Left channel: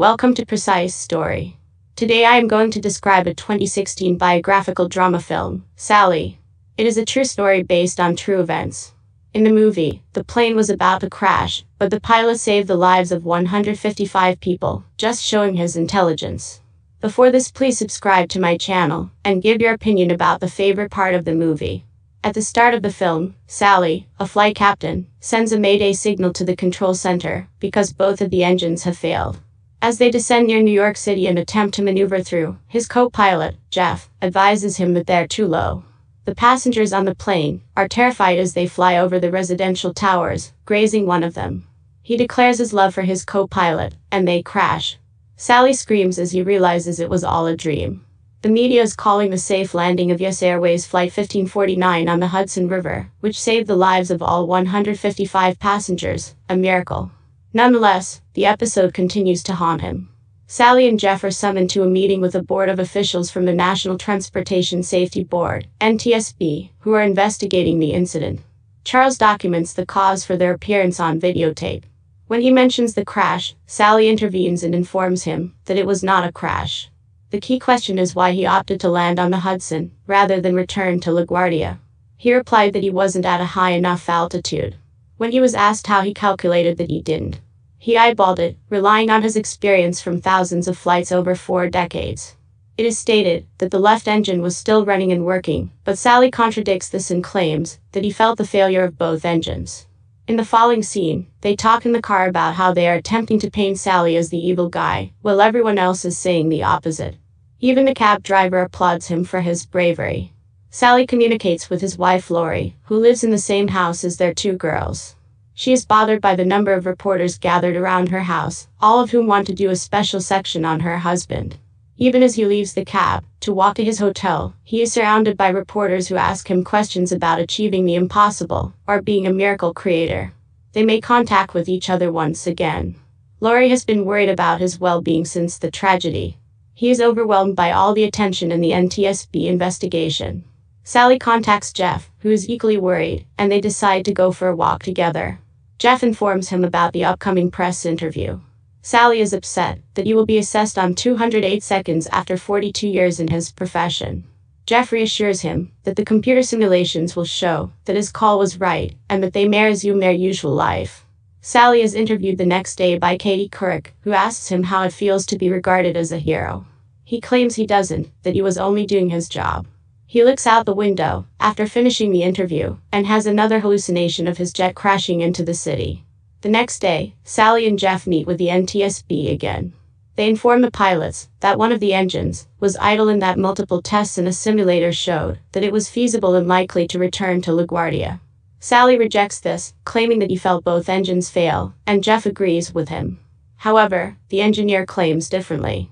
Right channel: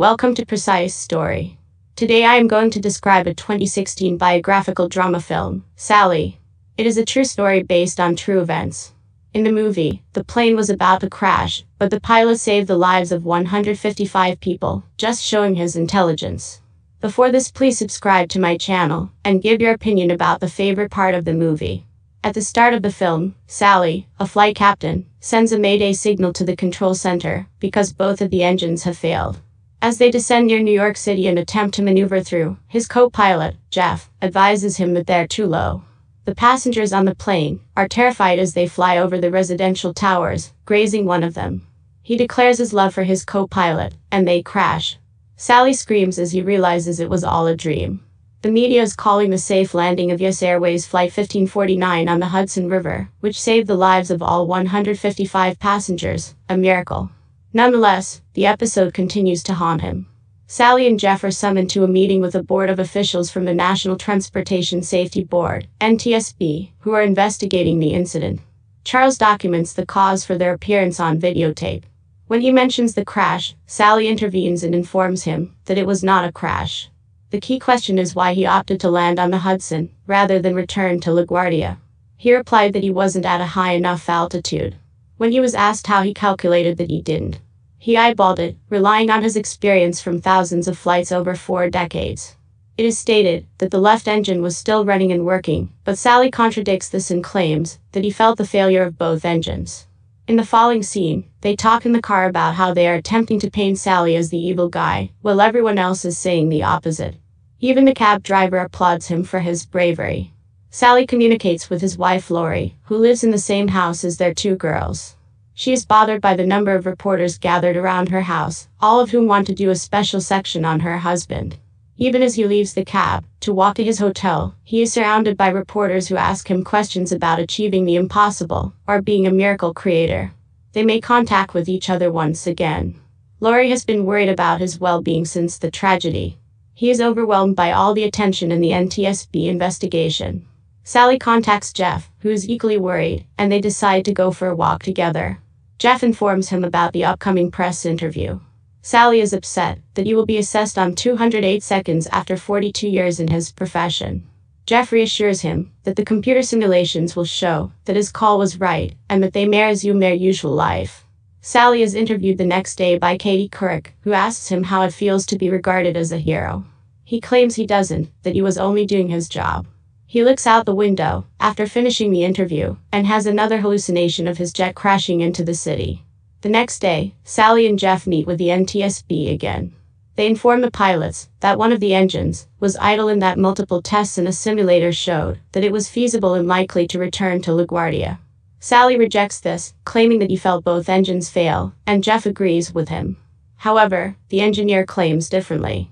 Welcome to Precise Story. Today I am going to describe a 2016 biographical drama film, Sully. It is a true story based on true events. In the movie, the plane was about to crash, but the pilot saved the lives of 155 people, just showing his intelligence. Before this, please subscribe to my channel, and give your opinion about the favorite part of the movie. At the start of the film, Sully, a flight captain, sends a mayday signal to the control center, because both of the engines have failed. As they descend near New York City and attempt to maneuver through, his co-pilot, Jeff, advises him that they're too low. The passengers on the plane are terrified as they fly over the residential towers, grazing one of them. He declares his love for his co-pilot, and they crash. Sully screams as he realizes it was all a dream. The media is calling the safe landing of US Airways Flight 1549 on the Hudson River, which saved the lives of all 155 passengers, a miracle. Nonetheless, the episode continues to haunt him. Sully and Jeff are summoned to a meeting with a board of officials from the National Transportation Safety Board, NTSB, who are investigating the incident. Charles documents the cause for their appearance on videotape. When he mentions the crash, Sully intervenes and informs him that it was not a crash. The key question is why he opted to land on the Hudson, rather than return to LaGuardia. He replied that he wasn't at a high enough altitude. When he was asked how he calculated that he didn't, he eyeballed it, relying on his experience from thousands of flights over 4 decades. It is stated that the left engine was still running and working, but Sully contradicts this and claims that he felt the failure of both engines. In the following scene, they talk in the car about how they are attempting to paint Sully as the evil guy, while everyone else is saying the opposite. Even the cab driver applauds him for his bravery. Sully communicates with his wife Lori, who lives in the same house as their 2 girls. She is bothered by the number of reporters gathered around her house, all of whom want to do a special section on her husband. Even as he leaves the cab to walk to his hotel, he is surrounded by reporters who ask him questions about achieving the impossible, or being a miracle creator. They make contact with each other once again. Lori has been worried about his well-being since the tragedy. He is overwhelmed by all the attention in the NTSB investigation. Sully contacts Jeff, who is equally worried, and they decide to go for a walk together. Jeff informs him about the upcoming press interview. Sully is upset that he will be assessed on 208 seconds after 42 years in his profession. Jeff reassures him that the computer simulations will show that his call was right and that they may resume their usual life. Sully is interviewed the next day by Katie Couric, who asks him how it feels to be regarded as a hero. He claims he doesn't, that he was only doing his job. He looks out the window after finishing the interview and has another hallucination of his jet crashing into the city. The next day, Sully and Jeff meet with the NTSB again. They inform the pilots that one of the engines was idle and that multiple tests in a simulator showed that it was feasible and likely to return to LaGuardia. Sully rejects this, claiming that he felt both engines fail, and Jeff agrees with him. However, the engineer claims differently.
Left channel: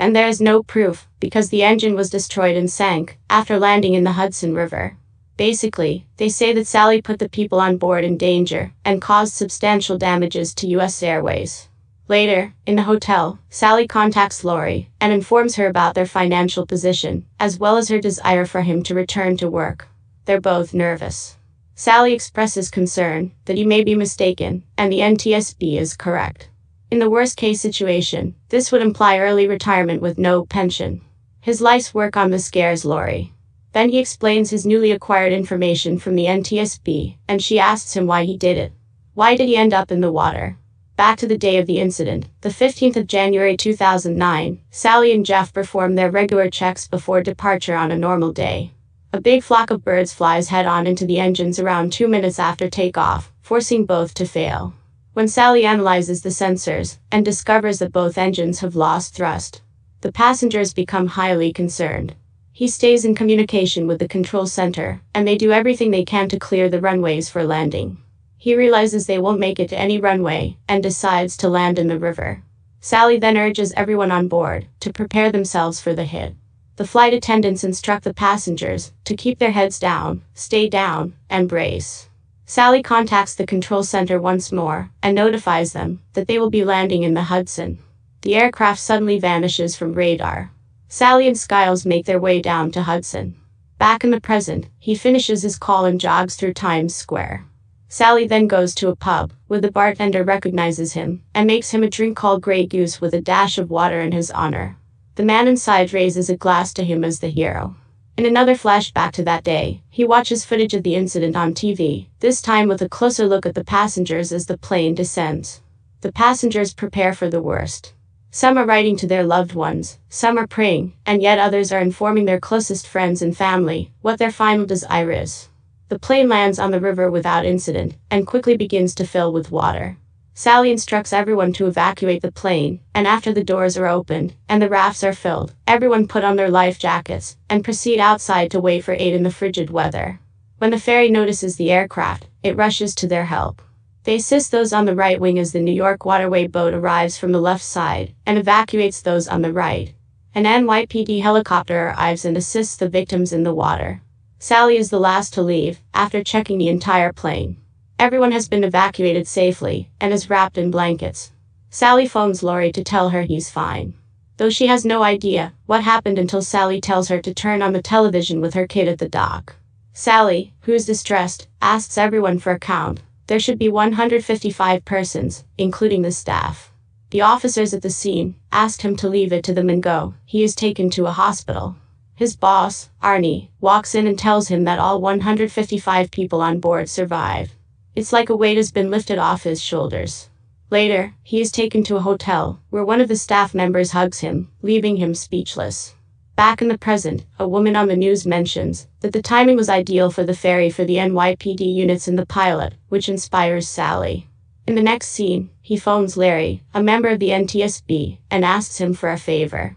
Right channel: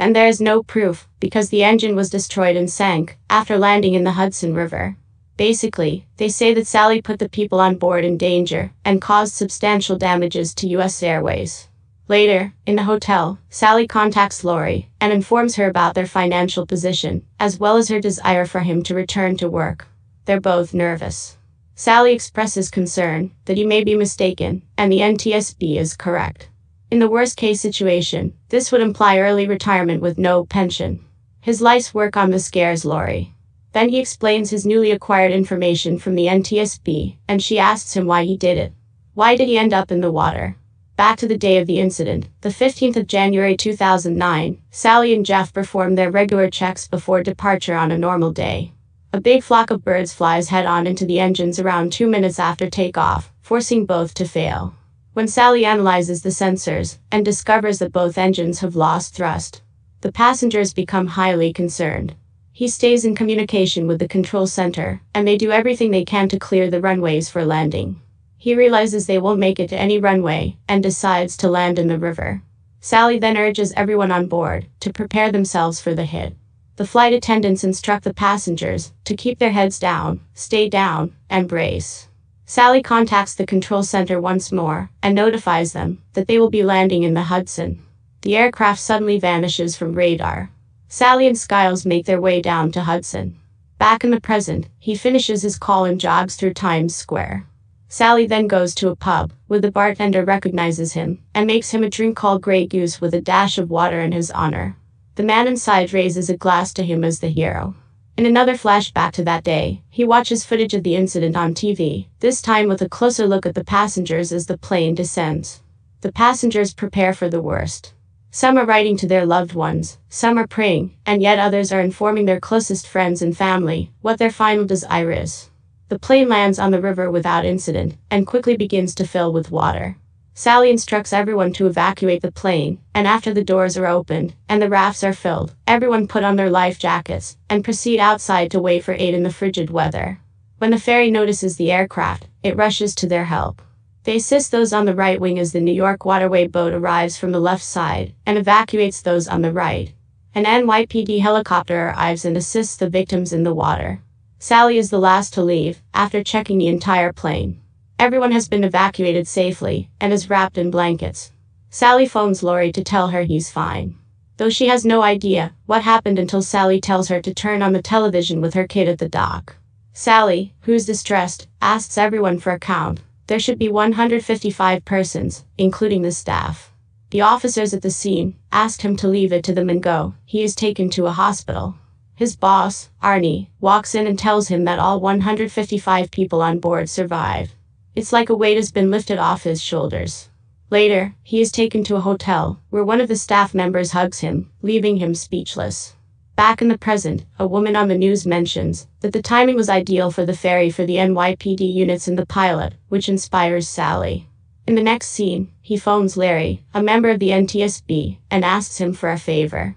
And there is no proof, because the engine was destroyed and sank after landing in the Hudson River. Basically, they say that Sully put the people on board in danger and caused substantial damages to US Airways. Later, in the hotel, Sully contacts Lori and informs her about their financial position, as well as her desire for him to return to work. They're both nervous. Sully expresses concern that he may be mistaken, and the NTSB is correct. In the worst-case situation, this would imply early retirement with no pension. His life's work on this scares Lori. Then he explains his newly acquired information from the NTSB, and she asks him why he did it. Why did he end up in the water? Back to the day of the incident, the 15th of January 2009, Sully and Jeff perform their regular checks before departure on a normal day. A big flock of birds flies head-on into the engines around 2 minutes after takeoff, forcing both to fail. When Sully analyzes the sensors and discovers that both engines have lost thrust, the passengers become highly concerned. He stays in communication with the control center, and they do everything they can to clear the runways for landing. He realizes they won't make it to any runway, and decides to land in the river. Sully then urges everyone on board to prepare themselves for the hit. The flight attendants instruct the passengers to keep their heads down, stay down, and brace. Sully contacts the control center once more and notifies them that they will be landing in the Hudson. The aircraft suddenly vanishes from radar. Sully and Skiles make their way down to Hudson. Back in the present, he finishes his call and jogs through Times Square. Sally then goes to a pub, where the bartender recognizes him, and makes him a drink called Grey Goose with a dash of water in his honor. The man inside raises a glass to him as the hero. In another flashback to that day, he watches footage of the incident on TV, this time with a closer look at the passengers as the plane descends. The passengers prepare for the worst. Some are writing to their loved ones, some are praying, and yet others are informing their closest friends and family what their final desire is. The plane lands on the river without incident, and quickly begins to fill with water. Sally instructs everyone to evacuate the plane, and after the doors are opened, and the rafts are filled, everyone put on their life jackets, and proceed outside to wait for aid in the frigid weather. When the ferry notices the aircraft, it rushes to their help. They assist those on the right wing as the New York Waterway boat arrives from the left side, and evacuates those on the right. An NYPD helicopter arrives and assists the victims in the water. Sally is the last to leave, after checking the entire plane. Everyone has been evacuated safely, and is wrapped in blankets. Sally phones Lori to tell her he's fine. Though she has no idea what happened until Sally tells her to turn on the television with her kid at the dock. Sally, who's distressed, asks everyone for a count. There should be 155 persons, including the staff. The officers at the scene asked him to leave it to them and go. He is taken to a hospital. His boss, Arnie, walks in and tells him that all 155 people on board survive. It's like a weight has been lifted off his shoulders. Later, he is taken to a hotel, where one of the staff members hugs him, leaving him speechless. Back in the present, a woman on the news mentions that the timing was ideal for the ferry for the NYPD units and the pilot, which inspires Sally. In the next scene, he phones Larry, a member of the NTSB, and asks him for a favor.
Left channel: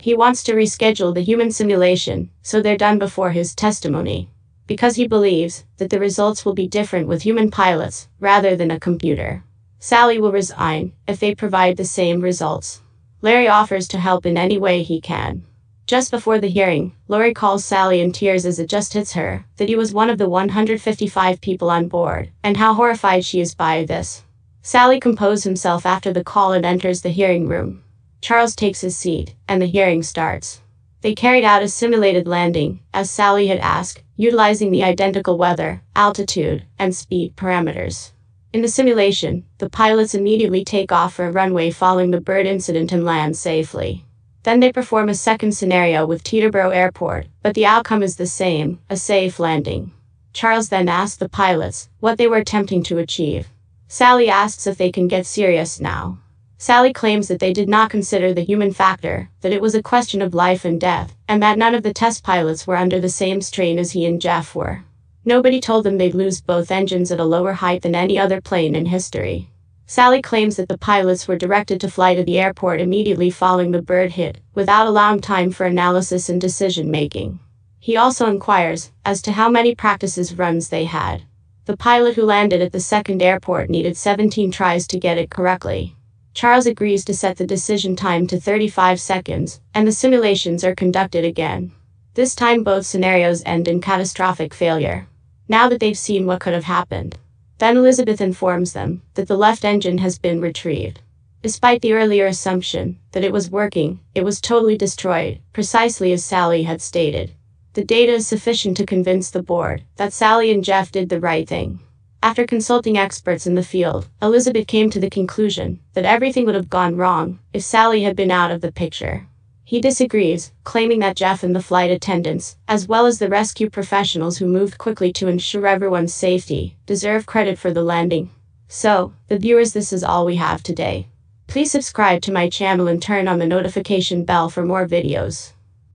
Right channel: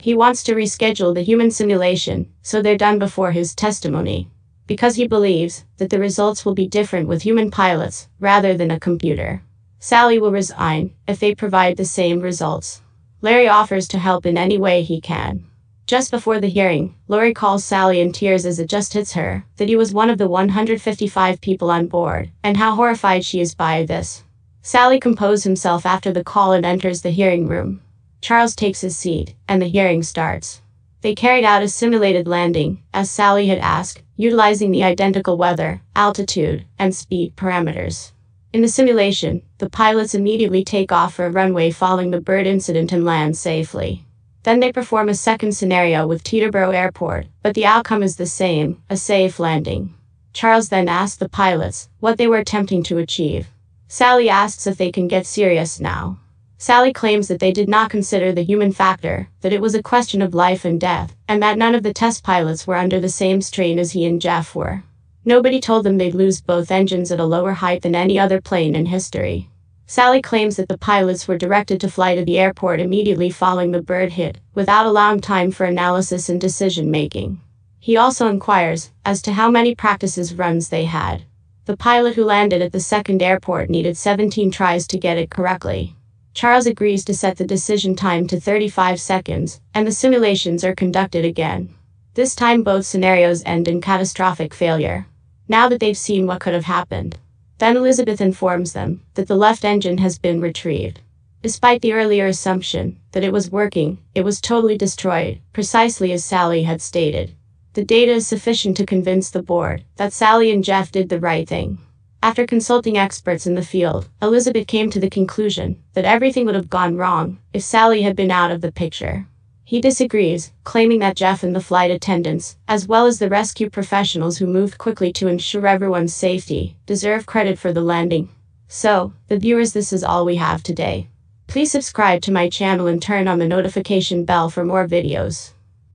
He wants to reschedule the human simulation, so they're done before his testimony. Because he believes that the results will be different with human pilots, rather than a computer. Sally will resign if they provide the same results. Larry offers to help in any way he can. Just before the hearing, Lori calls Sally in tears as it just hits her that he was one of the 155 people on board, and how horrified she is by this. Sally composes himself after the call and enters the hearing room. Charles takes his seat, and the hearing starts. They carried out a simulated landing, as Sally had asked, utilizing the identical weather, altitude, and speed parameters. In the simulation, the pilots immediately take off for a runway following the bird incident and land safely. Then they perform a second scenario with Teterboro Airport, but the outcome is the same, a safe landing. Charles then asks the pilots what they were attempting to achieve. Sally asks if they can get serious now. Sally claims that they did not consider the human factor, that it was a question of life and death, and that none of the test pilots were under the same strain as he and Jeff were. Nobody told them they'd lose both engines at a lower height than any other plane in history. Sally claims that the pilots were directed to fly to the airport immediately following the bird hit, without allowing time for analysis and decision-making. He also inquires as to how many practices runs they had. The pilot who landed at the second airport needed 17 tries to get it correctly. Charles agrees to set the decision time to 35 seconds, and the simulations are conducted again. This time both scenarios end in catastrophic failure. Now that they've seen what could have happened. Then Elizabeth informs them that the left engine has been retrieved. Despite the earlier assumption that it was working, it was totally destroyed, precisely as Sally had stated. The data is sufficient to convince the board that Sally and Jeff did the right thing. After consulting experts in the field, Elizabeth came to the conclusion that everything would have gone wrong if Sally had been out of the picture. He disagrees, claiming that Jeff and the flight attendants, as well as the rescue professionals who moved quickly to ensure everyone's safety, deserve credit for the landing. So, the viewers, this is all we have today. Please subscribe to my channel and turn on the notification bell for more videos.